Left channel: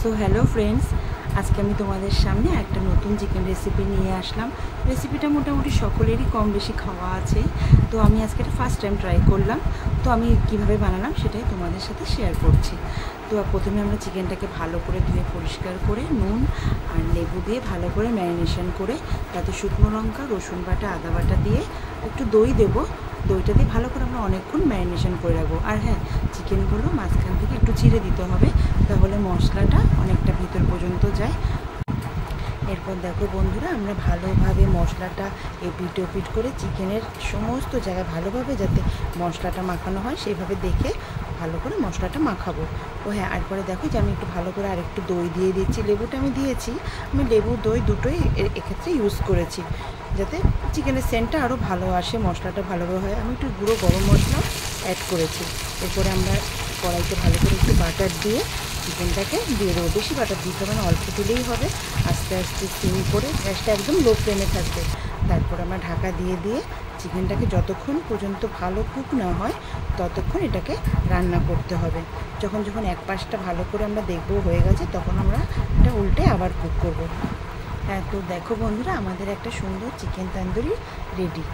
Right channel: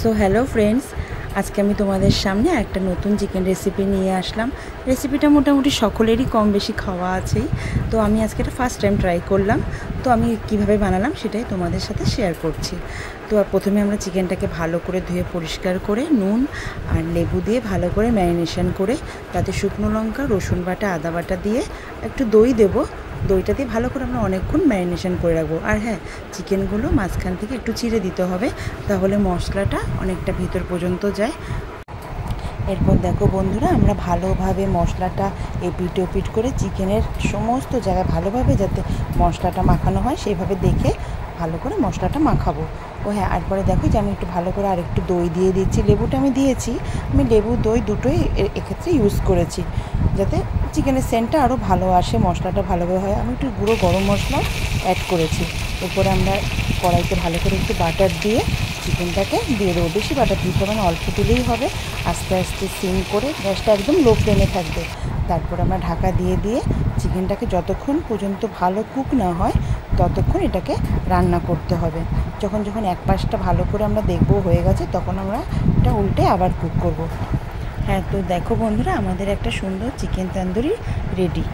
So hello friends, আজকে আমি তোমাদের সামনে একটা নতুন চিকেন রেসিপি নিয়ে আসলাম। রেসিপিটা মোটামুটি সকলেরই কম বেশি খাওয়া আছেই, তো আমি আজকে এটা ফার্স্ট টাইম ট্রাই করলাম। তো আমি কিভাবে বানালাম সেটাই তোমাদের সাথে শেয়ার করছি। তো প্রথমে আমরা চিকেনটাকে ভালো করে ধুয়ে পরিষ্কার করে নুন আর লেবু দিয়ে ভালো করে ম্যারিনেশন করে তাতে শুকনো লঙ্কা, রসুন বাটা, আদা বাটা দিয়ে একটু দই দেবো। দইটা দিয়ে ভালো করে আমরা অনেকক্ষণ ম্যারিনেশন করে রাখবো। আর হ্যাঁ, চিকেনগুলো মাঝখান থেকে একটু চিড়ে দিতে হবে, তাহলে মশলাটা অনেকটা ভিতর পর্যন্ত যায়। এরপর দেখো বন্ধুরা, আমরা ভালোভাবে মশলাটা এপিট ওপিট করে চিকেনের সমস্ত জায়গায় ভালোভাবে যাতে মশলাটা মাখানো হয় সেইভাবে দেখে ভালো করে মশলাটা মাখাবো। ও হ্যাঁ, একবারে দেখো যে আমি একটু ভালো করে আর একটু দই দিয়ে দিচ্ছি। লেবুটা আমি দিয়েছি, আমি লেবু দই দুটোই এক্ষেত্রে ইউজ করেছি যাতে চিকেনের সেন্টটা আরও ভালো আসে, মশলাটা ভালোভাবে হয়। আমি একটু গুঁড়ো গরম মশলাও অ্যাড করেছি। এরপরে আমরা কড়াইতে ভালো করে একটু বাটার দিয়ে চিকেনটাকে দিয়ে দেবো। বেশি বাটার দিতে হবে না, অল্প দিলেই হবে। আস্তে আস্তে সিম করে গ্যাসটা একদম লো ফ্লেমে থাকবে। তারপর আমরা ঢাকা দিয়ে দিয়ে চিকেনটাকে যতক্ষণ পর্যন্ত ভালো কুক না হয় ততক্ষণ এটাকে রান্না করতে হবে। যখন যখন এক পাশটা ভালো করে আমরা দেখবো হয়ে গেছে, তখন আমরা এটা উল্টে আবার কুক করব। হ্যাঁ, তো দেখো বন্ধুরা, আমাদের একটা সুন্দর চিকেন তন্দুরি রেডি।